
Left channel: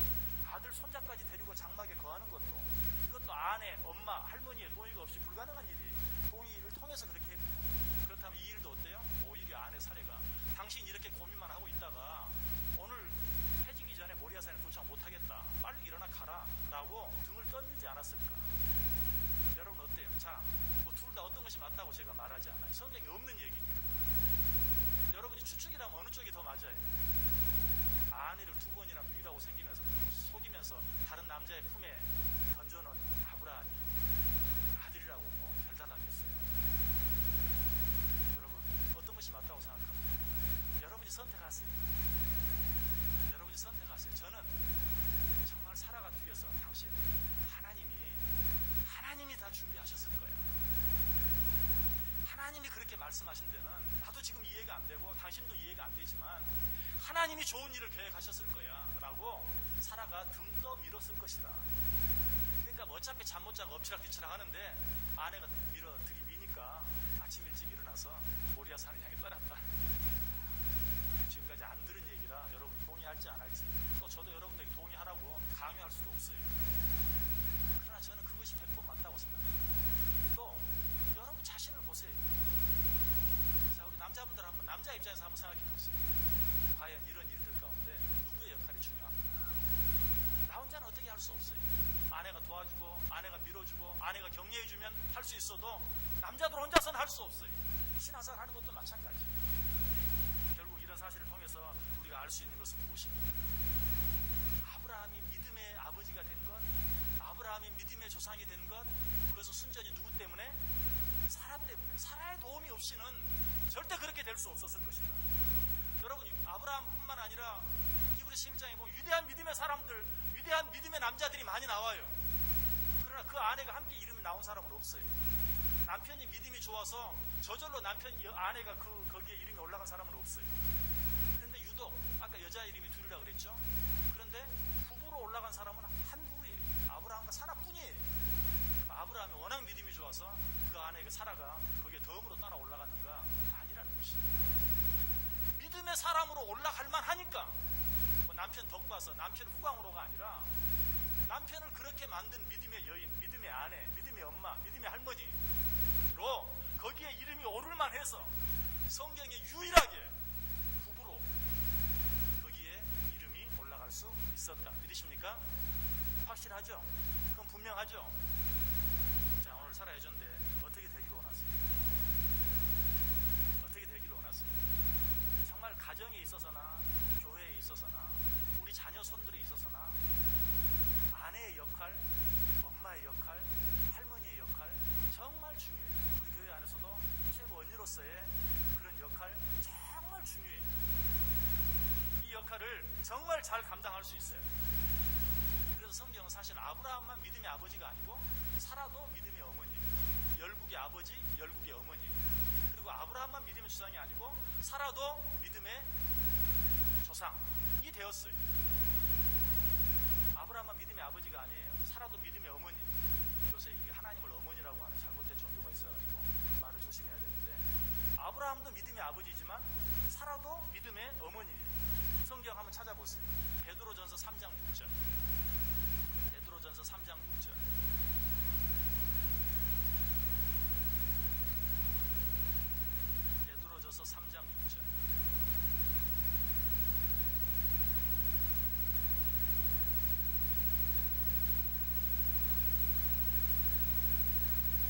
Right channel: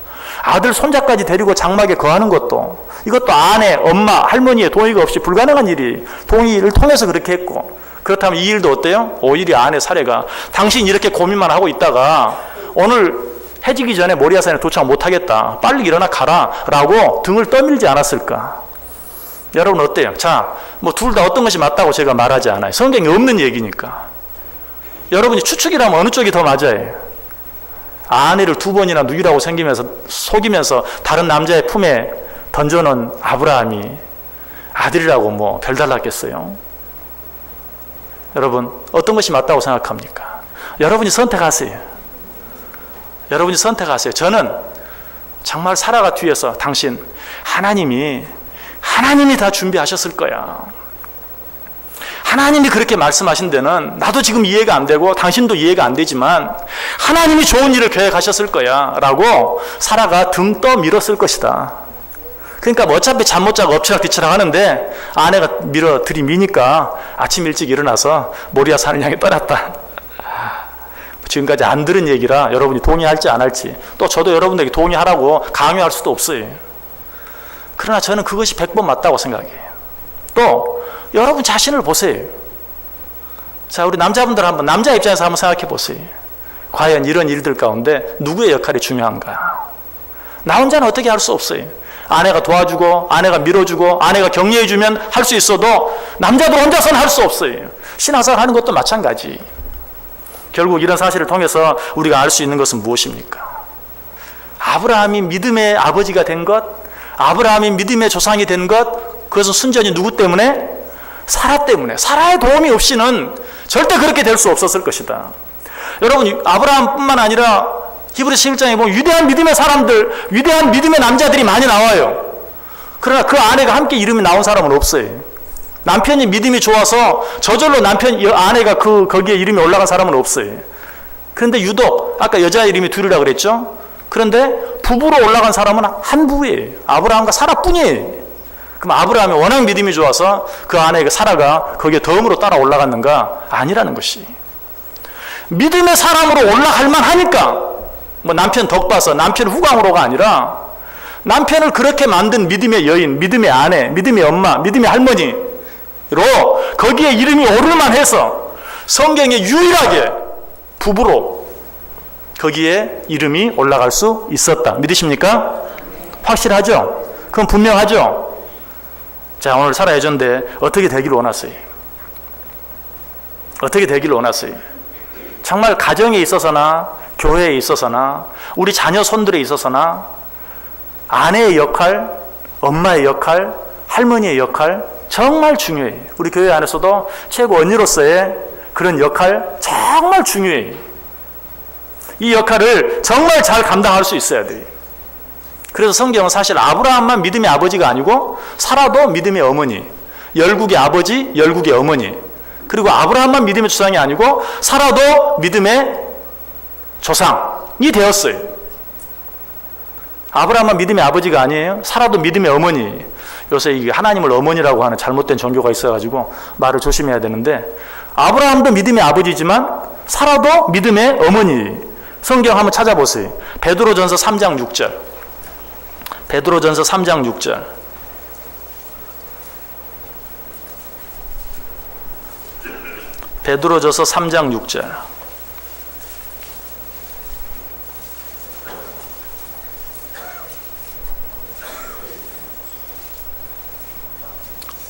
아들 손자까지 데리고 장막에 거하는 것도 이것도 아내, 엄마, 할머니의 동의가 없이 불가능한 일이 동의를 통해서 그렇게 했고 그렇다면 이 일도 어때요? 오히려 아내 사례가 당신 이렇게 고민만 하고 있다가 오늘 해지기 전에 모리아산에 도착 못하겠다. 빨리 일어나 가라 라고 등을 떠밀지 않았을까? 여러분 어때요? 자, 뭐 둘 다 어떤 것이 맞다고 제가 말하지 않아요. 성경에 없는 얘기니까. 여러분이 추측이라면 어느 쪽이 더 맞아요? 아내를 2번이나 누이라고 속이면서 다른 남자의 품에 던져놓은 아브라함이 아들이라고 뭐 별달랐겠어요? 여러분 어떤 것이 맞다고 생각합니까? 여러분이 선택하세요. 여러분이 선택하세요. 저는 정말 사라가 뒤에서 당신 하나님이 다 준비하셨을 거야. 하나님이 그렇게 말씀하신 데는 나도 지금 이해가 안 되고 당신도 이해가 안 되지만 하나님이 좋은 일을 계획하셨을 거야 라고 사라가 등 떠밀었을 것이다. 그러니까 뭐 어차피 잠 못 자고 엎치락뒤치락 하는데 아내가 들이미니까 아침 일찍 일어나서 모리아 산을 향해 떠났다. 지금까지 안 들은 얘기라 여러분이 동의할지 안 할지, 또 저도 여러분들에게 동의하라고 강요할 수도 없어요. 그러나 저는 그것이 100번 맞다고 생각해요. 또 여러분 자신을 보세요. 자, 우리 남자분들 남자 입장에서 한번 생각해 보세요. 과연 이런 일들 가운데 누구의 역할이 중요한가? 나 혼자는 어떻게 할 수 없어요. 아내가 도와주고 아내가 밀어주고 아내가 격려해주면 할 수 있어도 남자들 혼자서는 할 수 없어요. 신앙생활 하는 것도 마찬가지. 결국 이런 사실을 통해서 우리가 알 수 있는 것은 무엇입니까? 아브라함이 믿음의 아버지가 된 것, 아브라함이 믿음의 조상이 된 것, 그것은 순전히 누구 때문에? 사라 때문에. 사라의 도움이 없이는 절대 그렇게 될 수 없었을 것이다. 여러분, 아브라함뿐만 아니라 히브리서 11장에 보면 위대한 믿음의 사람들, 위대한 믿음의 남자들이 많이 나와요. 그러나 그 아내가 함께 이름이 나온 사람은 없어요. 남편이 믿음이 좋아서 저절로 아내가 거기에 이름이 올라간 사람은 없어요. 그런데 유독 아까 여자 이름이 둘이라 그랬죠? 그런데 부부로 올라간 사람은 한 부부예요. 아브라함과 사라뿐이에요. 그럼 아브라함이 워낙 믿음이 좋아서 그 아내 사라가 거기에 덤으로 따라 올라갔는가? 아니라는 것이. 믿음의 사람으로 올라갈 만하니까 뭐 남편 덕 봐서 남편 후광으로가 아니라 남편을 그렇게 만든 믿음의 여인, 믿음의 아내, 믿음의 엄마, 믿음의 할머니로 거기에 이름이 오를만 해서 성경에 유일하게 부부로 거기에 이름이 올라갈 수 있었다. 믿으십니까? 확실하죠? 그건 분명하죠? 자, 오늘 사라 예전대 어떻게 되기를 원하세요? 어떻게 되기를 원하세요? 정말 가정에 있어서나 교회에 있어서나 우리 자녀 손들에 있어서나 아내의 역할, 엄마의 역할, 할머니의 역할 정말 중요해요. 우리 교회 안에서도 최고 언니로서의 그런 역할 정말 중요해요. 이 역할을 정말 잘 감당할 수 있어야 돼요. 그래서 성경은 사실 아브라함만 믿음의 아버지가 아니고 사라도 믿음의 어머니, 열국의 아버지, 열국의 어머니, 그리고 아브라함만 믿음의 조상이 아니고 사라도 믿음의 조상이 되었어요. 아브라함만 믿음의 아버지가 아니에요. 사라도 믿음의 어머니. 요새 이게 하나님을 어머니라고 하는 잘못된 종교가 있어가지고 말을 조심해야 되는데, 아브라함도 믿음의 아버지지만 사라도 믿음의 어머니. 성경 한번 찾아보세요. 베드로전서 3장 6절. 베드로전서 3장 6절. 베드로전서 3장 6절.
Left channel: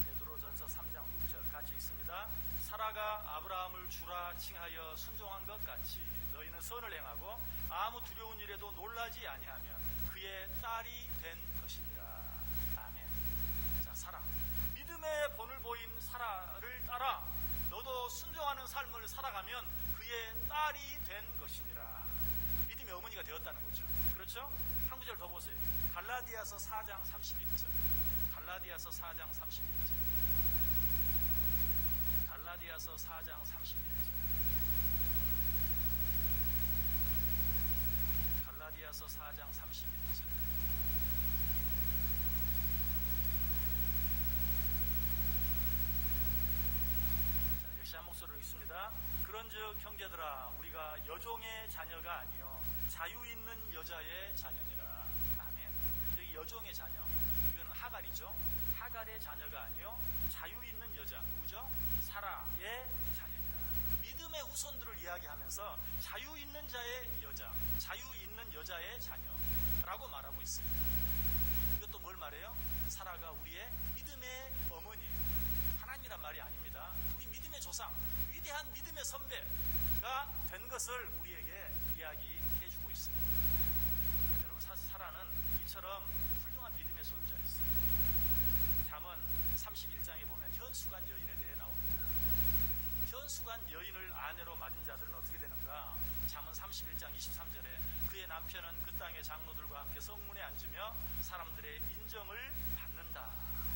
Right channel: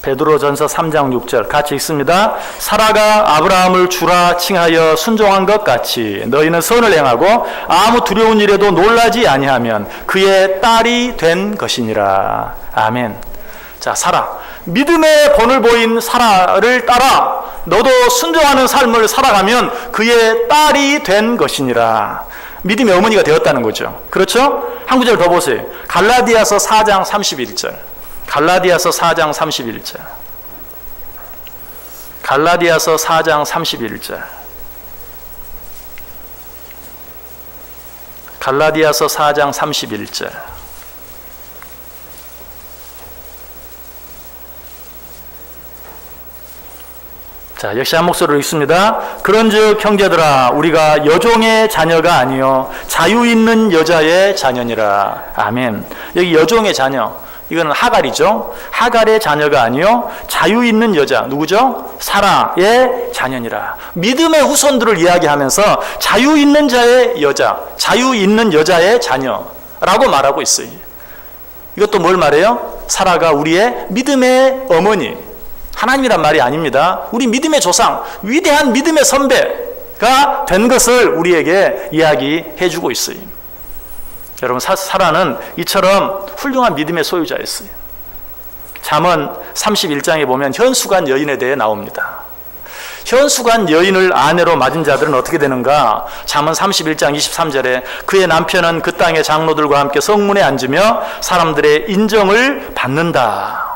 베드로전서 3장 6절 같이 읽습니다. 사라가 아브라함을 주라 칭하여 순종한 것 같이 너희는 선을 행하고 아무 두려운 일에도 놀라지 아니하면 그의 딸이 된 것이니라. 아멘. 자, 사라, 믿음의 본을 보인 사라를 따라 너도 순종하는 삶을 살아가면 그의 딸이 된 것이니라. 믿음의 어머니가 되었다는 거죠. 그렇죠? 한 구절 더 보세요. 갈라디아서 4장 31절. 갈라디아서 4장 31절. 갈라디아서 4장 31절. 갈라디아서 4장 31절. 자, 역시 한 목소리로 읽습니다. 그런즉 형제들아 우리가 여종의 자녀가 아니요 자유 있는 여자의 자녀니라. 아멘. 여기 여종의 자녀, 이거는 하갈이죠. 하갈의 자녀가 아니요 자유 있는 여자, 누구죠? 사라의 자녀니라. 믿음의 후손들을 이야기하면서 자유 있는 자의 여자, 자유 있는 여자의 자녀라고 말하고 있어요. 이것도 뭘 말해요? 사라가 우리의 믿음의 어머니, 하나님이란 말이 아닙니다. 우리 믿음의 조상, 위대한 믿음의 선배가 된 것을 우리에게 이야기해 주고 있어요. 여러분, 사라는 이처럼 훌륭한 믿음의 소유자였어요. 잠언 31장에 보면 현수간 여인에 대해 나옵니다. 현수간 여인을 아내로 맞은 자들은 어떻게 되는가? 잠언 31장 23절에 그의 남편은 그 땅의 장로들과 함께 성문에 앉으며 사람들의 인정을 받는다.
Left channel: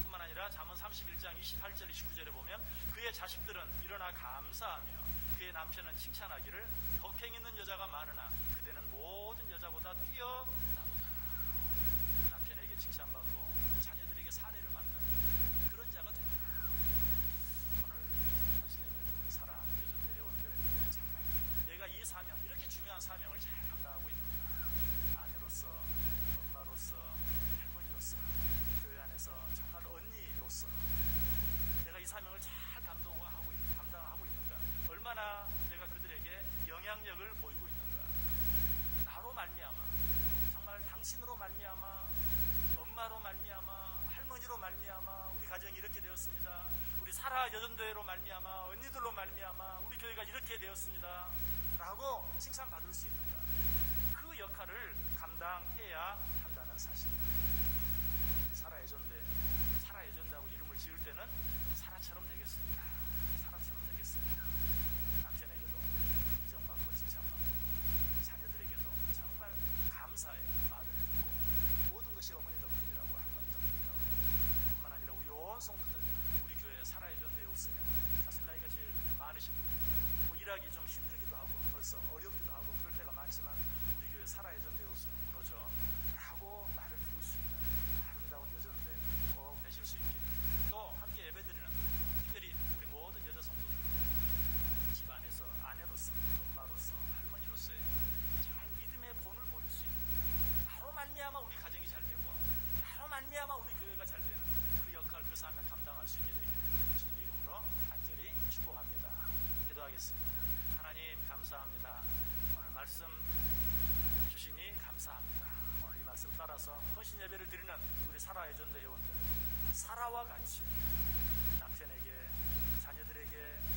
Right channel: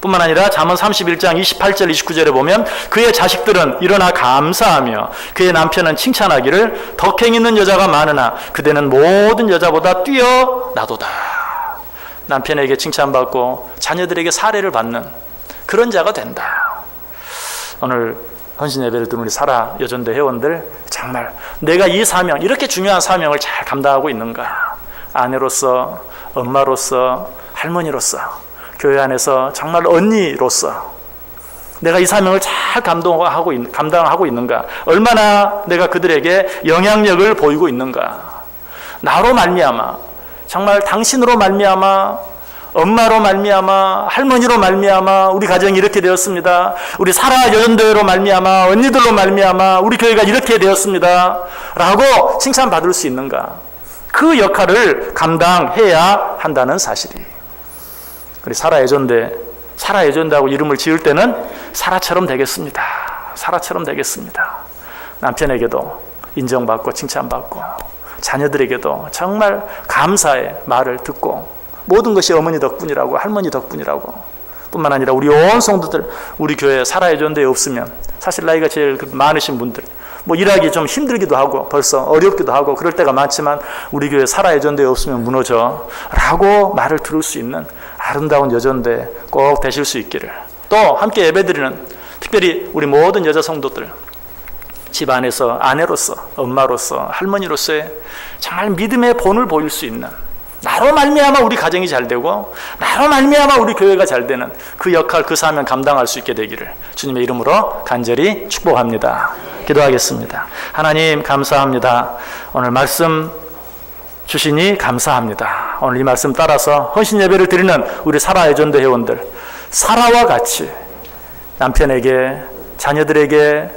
뿐만 아니라 잠언 31장 28절 29절에 보면 그의 자식들은 일어나 감사하며 그의 남편은 칭찬하기를 덕행 있는 여자가 많으나 그대는 모든 여자보다 뛰어나도다. 남편에게 칭찬받고 자녀들에게 사례를 받는 그런 자가 된다. 오늘 헌신 예배를 드는 우리 사라 여전대 회원들, 정말 내가 이 사명, 이렇게 중요한 사명을 잘 감당하고 있는가? 아내로서, 엄마로서, 할머니로서, 교회 안에서 정말 언니로서 내가 이 사명을 잘 감당하고 있는가? 얼마나 내가 그들에게 영향력을 보이고 있는가? 나로 말미암아, 정말 당신으로 말미암아, 엄마로 말미암아, 할머니로 말미암아 우리 가정이 이렇게 되었습니다. 우리 사라 여전대로 말미암아, 언니들로 말미암아 우리 교회가 이렇게 되었습니다 라고 칭찬받을 수 있는가? 그 역할을 감당해야 한다는 사실이. 우리 사라 예전대하고 이름을 지을 때는 사라처럼 되겠습니다. 사라처럼 되겠습니다. 남편에게도 인정받고 칭찬받고 자녀들에게도 정말 감사의 말을 듣고 모든 것이 어머니 덕분이라고, 할머니 덕분이라고, 뿐만 아니라 우리 온 성도들, 우리 교회 사라 예전대에 없으면 사실 나이가 제일 많으신 분들 뭐 일하기 좀 힘들기도 하고 벌써 어렵기도 하고 그럴 때가 많지만 우리 교회 사라 예전대에 없으면 무너져 라고 말을 들을 수 있는 아름다운 여전대 꼭 되실 수 있기를. 또 함께 예배드리는 특별히 우리 모든 여자 성도들, 집안에서 아내로서, 엄마로서, 할머니로서의 정말 믿음의 본을 보일 수 있는, 나로 말미암아 우리 가정이 잘 되고 나로 말미암아 우리 교회가 잘 되는 그 역할, 그 사명 감당할 수 있게 되기를 주님의 이름으로 간절히 축복합니다. 기도하겠습니다. 하나님 감사합니다. 오늘 말씀 주시니 감사합니다. 오늘 이 말씀 따라서 헌신 예배를 드리는 우리 사라 예전대 회원들, 사라와 같이 남편에게, 자녀들에게,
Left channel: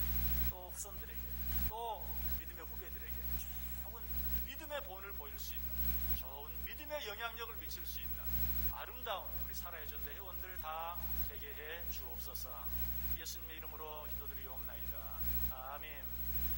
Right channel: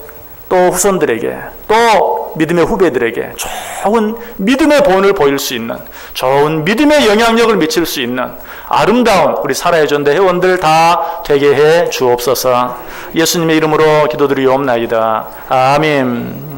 또 후손들에게, 또 믿음의 후배들에게 좋은 믿음의 본을 보일 수 있는, 좋은 믿음의 영향력을 미칠 수 있는 아름다운 우리 사라 예전대 회원들 다 되게 해 주옵소서. 예수님의 이름으로 기도드리옵나이다. 아멘.